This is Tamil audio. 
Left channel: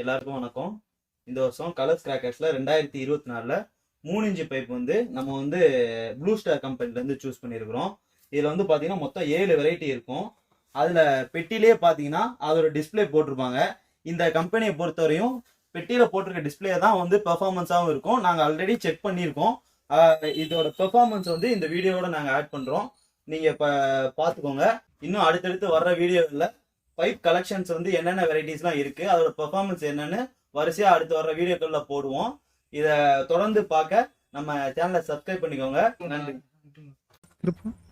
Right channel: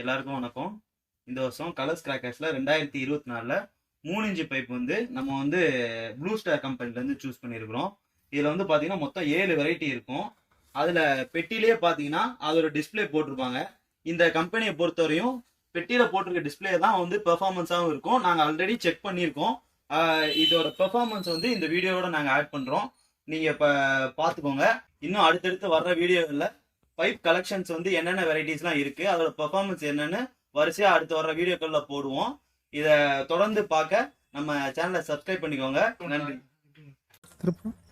எல்லாருக்கும் வணக்கம். இந்த வருஷம் கலர்ஸ் கிராக்கர்ஸ்ல 2024ல 3 இன்ச்சு பைப் வந்து நம்ம வந்து ப்ளூ ஸ்டார் கம்பெனில இருந்து சூஸ் பண்ணியிருக்கிறோம். இதுல வந்து பாத்தீங்கன்னா மொத்தம் 7 வெரைட்டி இருக்கும். அதுல பெட்டிலேயே பாத்தீங்கன்னா அதோட டிஸ்பிளே போட்டிருப்பாங்க. இந்த கம்பெனியை பொறுத்தவரையும் பெட்டியில போட்டிருக்க டிஸ்பிளே தான் வந்து பெர்ஃபார்மன்ஸாகவும் இருக்கும். நாங்க ஆல்ரெடி செக் பண்ணியிருக்கோம். இதோட பெர்ஃபார்மன்ஸ் வந்து இந்த வீடியோவோட நாங்க ஆட் பண்றோம். நீங்க இப்ப பாத்துக்கோங்க. இன்னும் அடுத்தடுத்து வர்ற வீடியோவில் பைப் கலெக்ஷன்ஸ் வந்து என்னென்ன வெரைட்டிஸ்லாம் இருக்கு, அதோட பெர்ஃபார்மன்ஸ் என்னன்னு வரிசையா அடுத்து வர்ற வீடியோக்கள்ல போடுவோம். இத தொடர்ந்து பார்க்க நம்ம சேனலை சப்ஸ்கிரைப் பண்ணிக்கோங்க. நன்றி. திருப்பூர்